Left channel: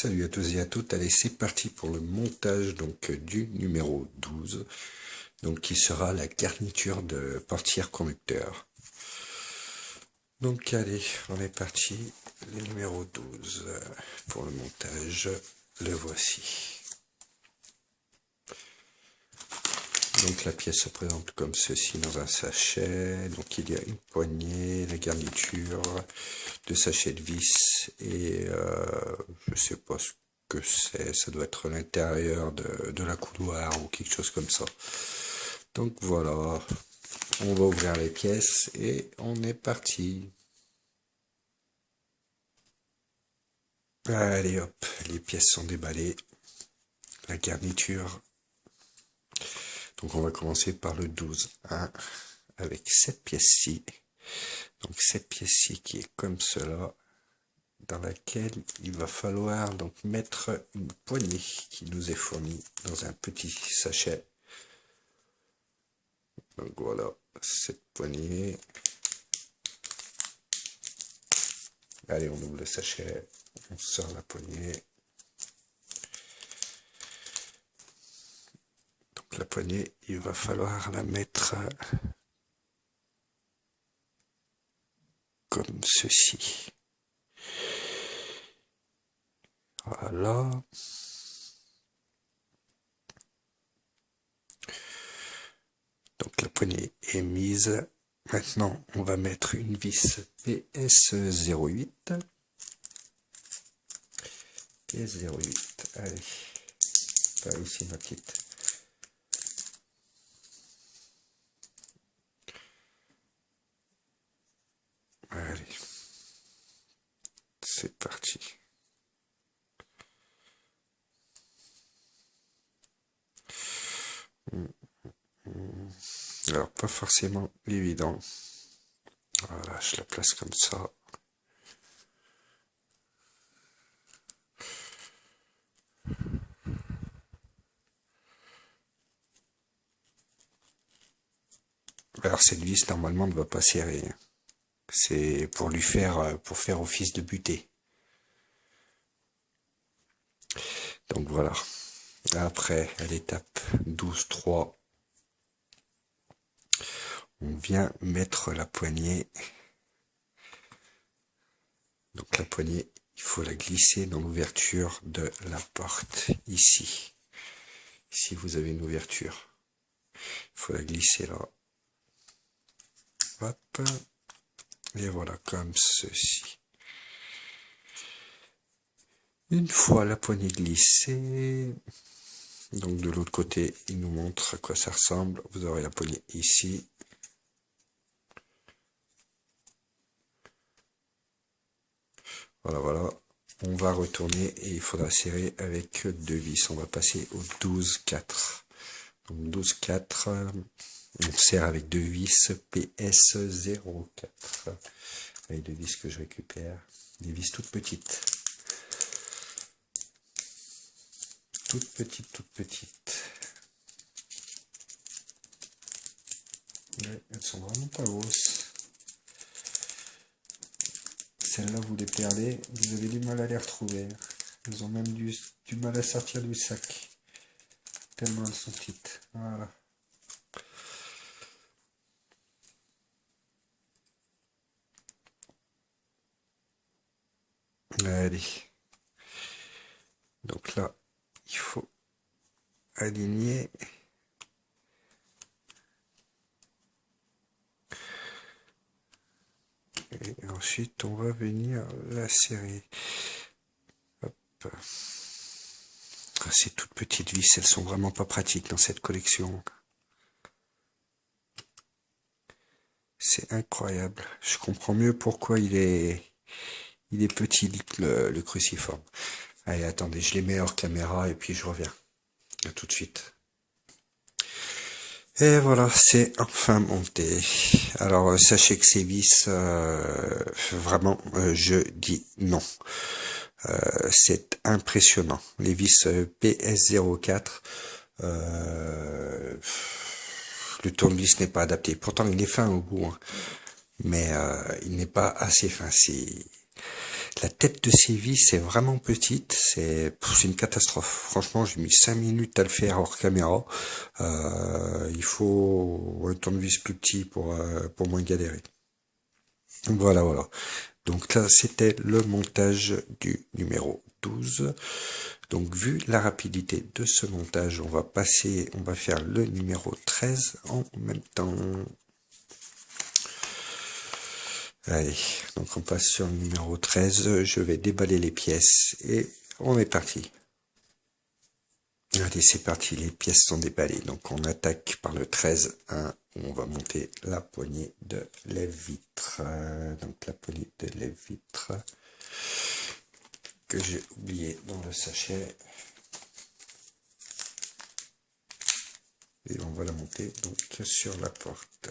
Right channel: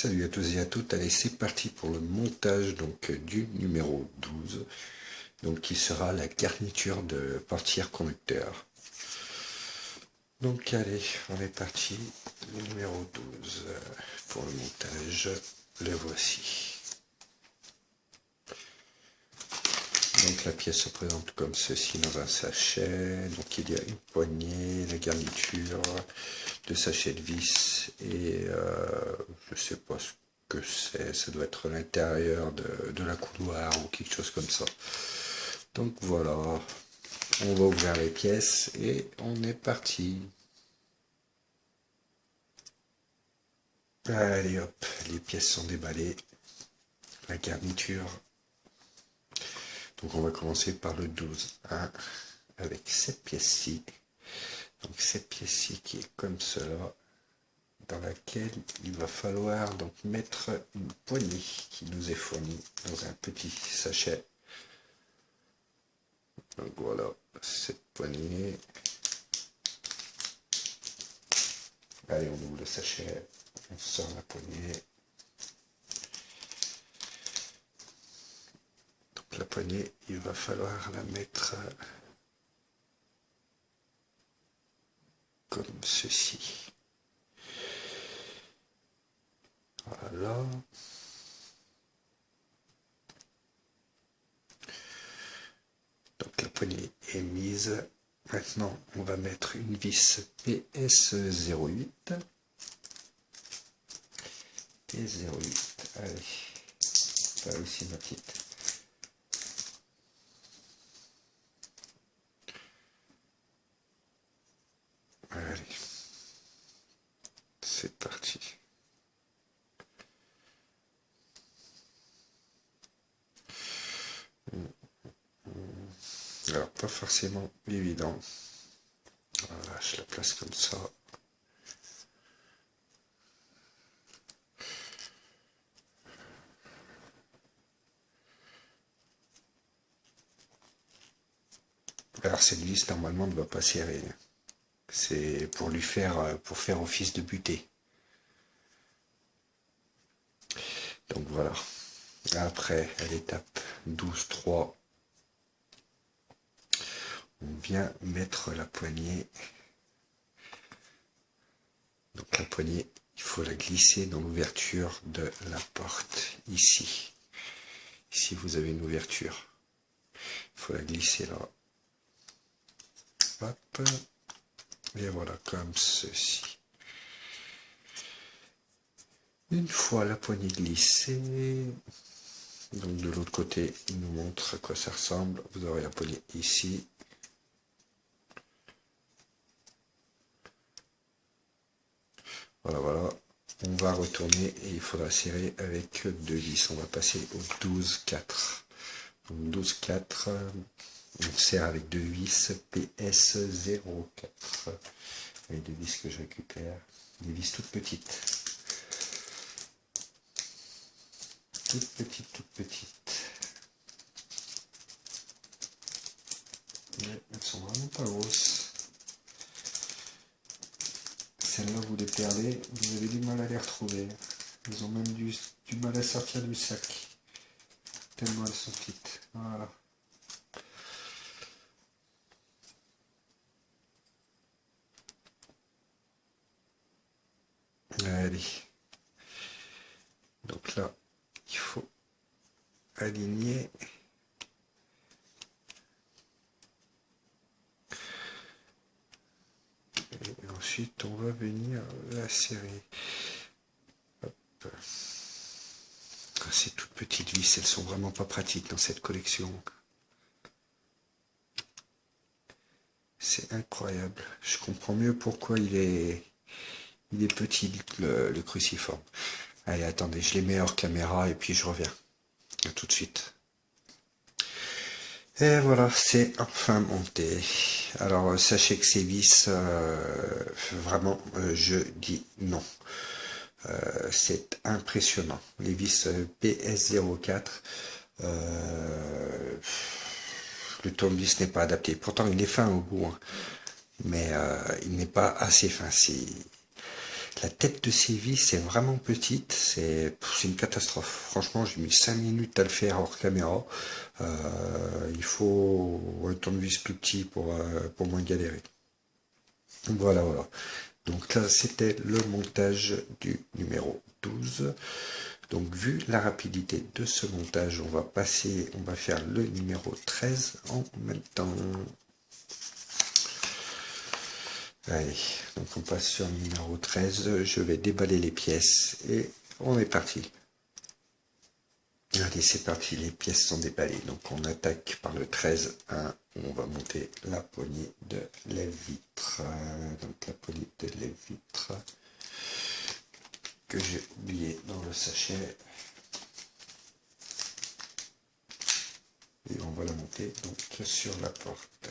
Salut à tous et à toutes, allez c'est parti pour le montage donc du numéro 12, donc qui sera la garniture de portière conducteur. Donc allez, on est parti, le numéro 12 pour le montage, le voici. Donc la pièce se présente comme ceci dans un sachet, donc il y a une poignée, la garniture, deux sachets de vis et je sais pas ce que c'est, ça doit être l'intérieur de la couloir ou quelque chose comme ça. Donc voilà, on va ouvrir les pièces et on est parti. Allez hop, les pièces sont déballées, la garniture. Donc on va commencer par le 12, hein, avec cette pièce-ci. Donc cette pièce-ci qui est comme cela, dans laquelle il va falloir donc mettre une poignée qui nous est fournie dans un petit sachet. Donc voilà, cette poignée. Allez, on ouvre le sachet, on sort la poignée. Donc la poignée, il va falloir la mettre comme ceci. Voilà. Donc la poignée est mise. Maintenant, on va mettre une vis PS08. PS08. Allez, par ici ma petite. Allez, c'est parti. Alors, pas forcément évident. Voilà, je la place comme ça. Alors, cette vis, normalement, ne va pas serrer. C'est pour faire office de butée. Donc voilà. Après, à l'étape 12-3, on vient mettre la poignée. Donc la poignée, il faut la glisser dans l'ouverture de la porte, ici. Ici, vous avez une ouverture. Il faut la glisser là. Hop. Et voilà, comme ceci. Une fois la poignée glissée, donc de l'autre côté, il nous montre à quoi ça ressemble. Vous aurez la poignée ici. Voilà, voilà. On va retourner et il faudra serrer avec deux vis. On va passer au 12-4. Donc 12-4, on serre avec deux vis PS04. Avec deux vis que je récupère. Des vis toutes petites. Toutes petites, toutes petites. Mais elles sont vraiment pas grosses. Celles-là, vous les perdez, vous avez du mal à les retrouver. Elles ont même du mal à sortir du sac. Tellement elles sont petites. Voilà. Allez. Donc là, il faut aligner. Et ensuite, on va venir la serrer. Hop. Ces toutes petites vis, elles sont vraiment pas pratiques dans cette collection. C'est incroyable. Je comprends mieux pourquoi il est petit, le cruciforme. Allez, attendez, je les mets hors caméra et puis je reviens. À tout de suite. Et voilà, c'est enfin monté. Alors, sachez que ces vis, vraiment, je dis non. C'est impressionnant. Les vis PS04, le tournevis n'est pas adapté. Pourtant, il est fin au bout, hein, mais il n'est pas assez fin. La tête de ces vis est vraiment petite, c'est une catastrophe. Franchement, j'ai mis 5 minutes à le faire hors caméra. Il faut un tournevis plus petit pour moins galérer. Voilà, voilà. Donc là, c'était le montage du numéro 12. Donc, vu la rapidité de ce montage, on va faire le numéro 13 en même temps. Allez, donc on passe sur le numéro 13. Je vais déballer les pièces et on est parti. Allez, c'est parti, les pièces sont déballées. Donc on attaque par le 13-1. On va monter la poignée de lève-vitre. Donc la poignée de lève-vitre que j'ai oublié dans le sachet. Et on va la monter donc sur la porte.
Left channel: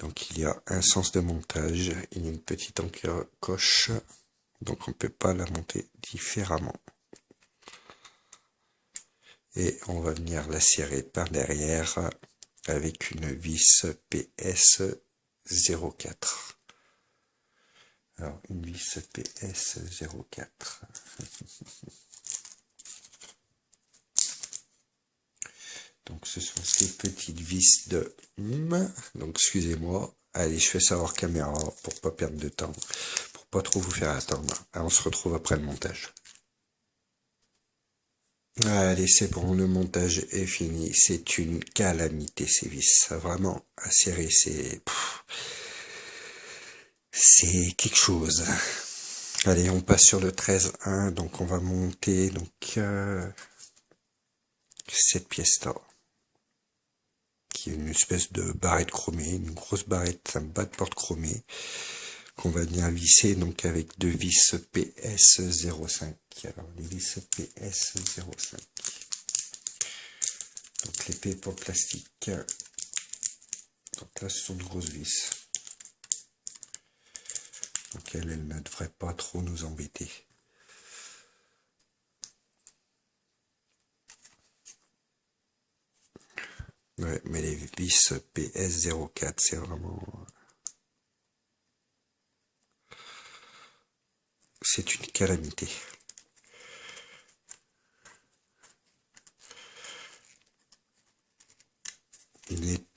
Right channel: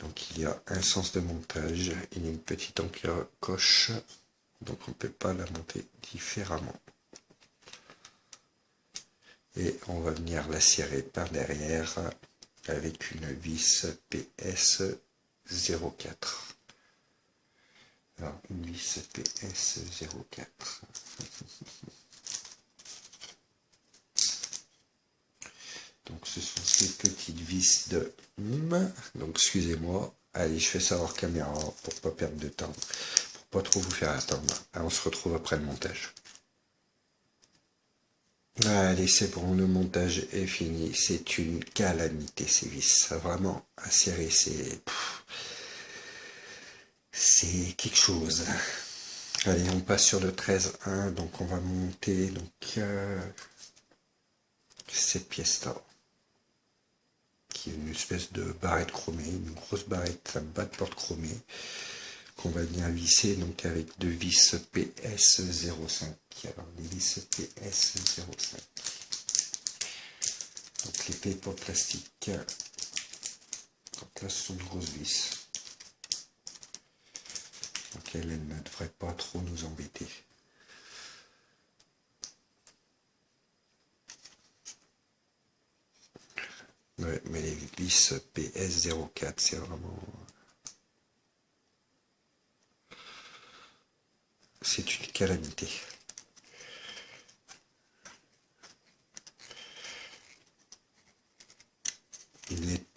Donc il y a un sens de montage, il y a une petite encoche, donc on ne peut pas la monter différemment. Et on va venir la serrer par derrière avec une vis PS 04. Alors une vis PS 04. Donc ce sont ces petites vis de donc excusez-moi. Allez, je fais ça hors caméra pour pas perdre de temps, pour pas trop vous faire attendre. Alors, on se retrouve après le montage. Allez, c'est bon, le montage est fini. C'est une calamité ces vis. Vraiment à serrer, c'est quelque chose. Allez, on passe sur le 13-1. Donc on va monter donc cette pièce-là, qui est une espèce de barrette chromée, une grosse barrette, un bas de porte chromée, qu'on va venir visser donc avec deux vis PS05. Alors les vis PS05. Donc l'épée pour plastique. Donc là ce sont de grosses vis. Donc elle ne devrait pas trop nous embêter. Ouais, mais les vis PS04 c'est vraiment... C'est une calamité.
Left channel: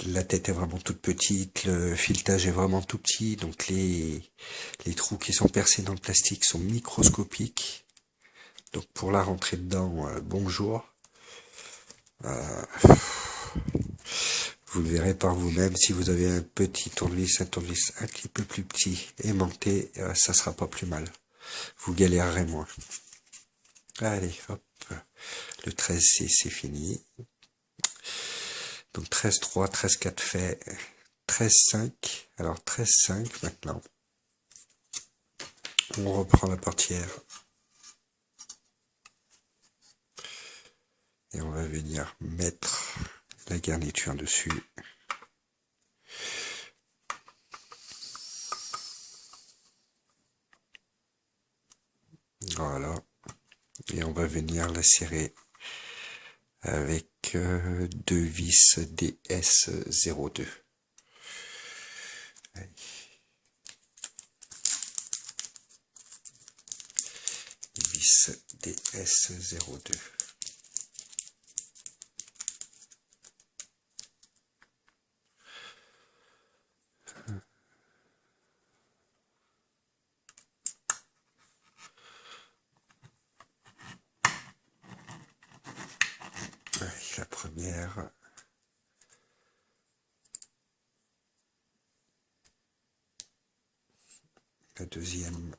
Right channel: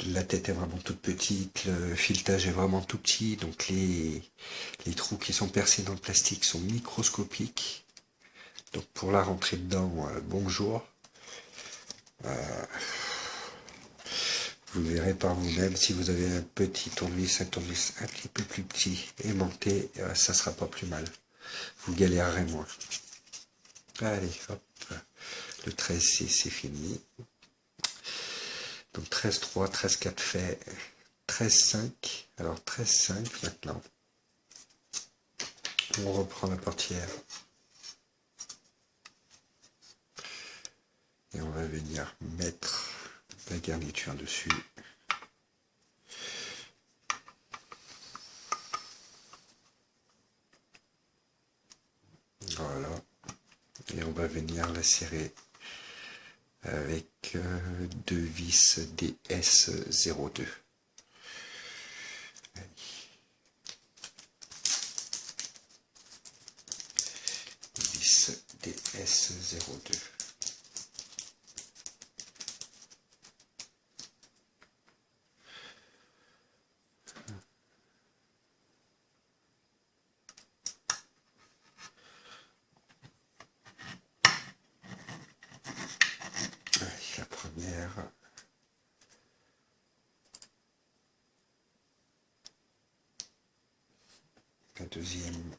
La tête est vraiment toute petite, le filetage est vraiment tout petit, donc les trous qui sont percés dans le plastique sont microscopiques. Donc pour la rentrer dedans, bonjour. Vous le verrez par vous-même, si vous avez un petit tournevis, un tournevis un petit peu plus petit, aimanté, ça sera pas plus mal. Vous galérerez moins. Allez, hop. Le 13, c'est fini. Donc 13-3, 13-4 fait, 13-5. Alors 13-5, maintenant. On reprend la portière. Et on va venir mettre la garniture dessus. Voilà. Et on va venir la serrer avec deux vis DS02. Vis DS02. La première. La deuxième.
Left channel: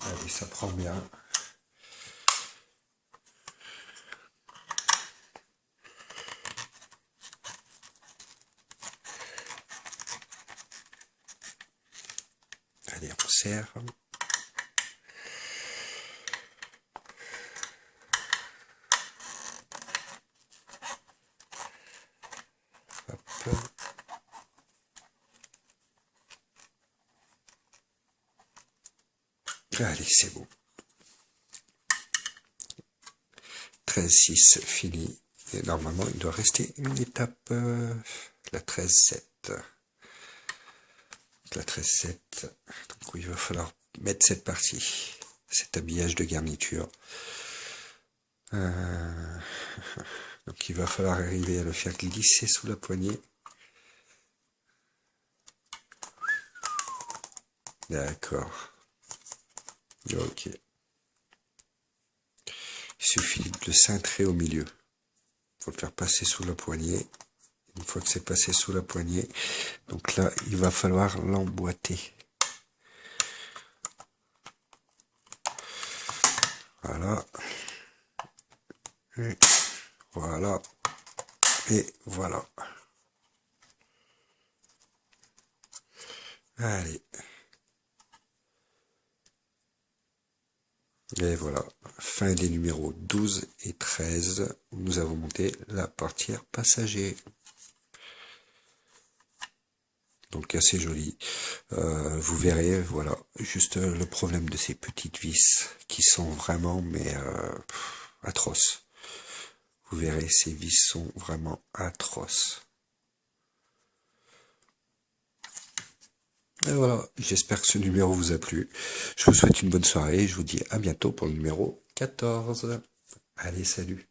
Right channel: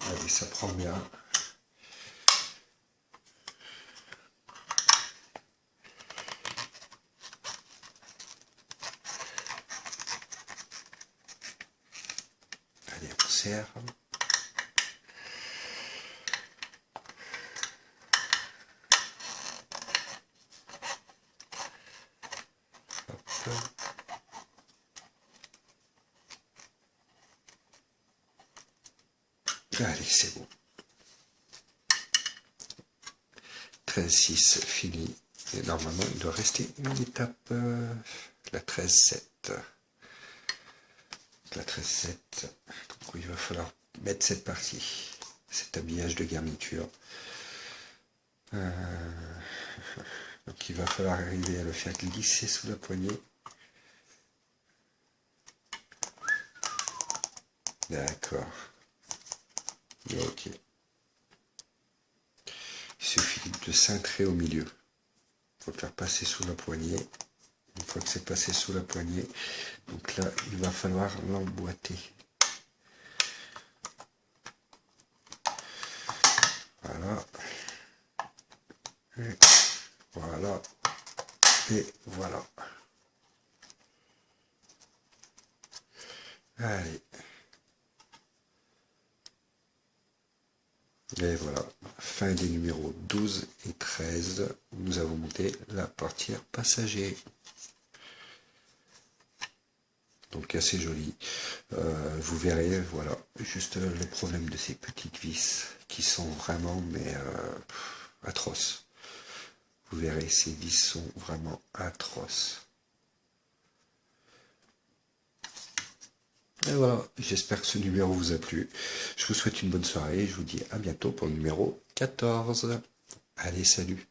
Allez, ça prend bien. Allez, on serre. Hop. Allez, c'est bon. 13-6, fini. Et normalement, il doit rester une étape, la 13-7. La 13-7, donc il va falloir mettre cette partie, cet habillage de garniture. Donc il va falloir arriver à le faire glisser sous la poignée. D'accord. Ok. Il suffit de le cintrer au milieu. Il faut le faire passer sous la poignée. Une fois que c'est passé sous la poignée, donc là, il va falloir l'emboîter. Voilà. Et voilà. Et voilà. Allez. Et voilà. Fin des numéros 12 et 13. Nous avons monté la portière passager. Donc assez joli. Vous verrez, voilà, juste le problème de ces petites vis qui sont vraiment, mais atroces. Vous verrez, ces vis sont vraiment atroces. Et voilà, j'espère que ce numéro vous a plu. Je vous souhaite une bonne soirée et je vous dis à bientôt pour le numéro 14. Allez, salut!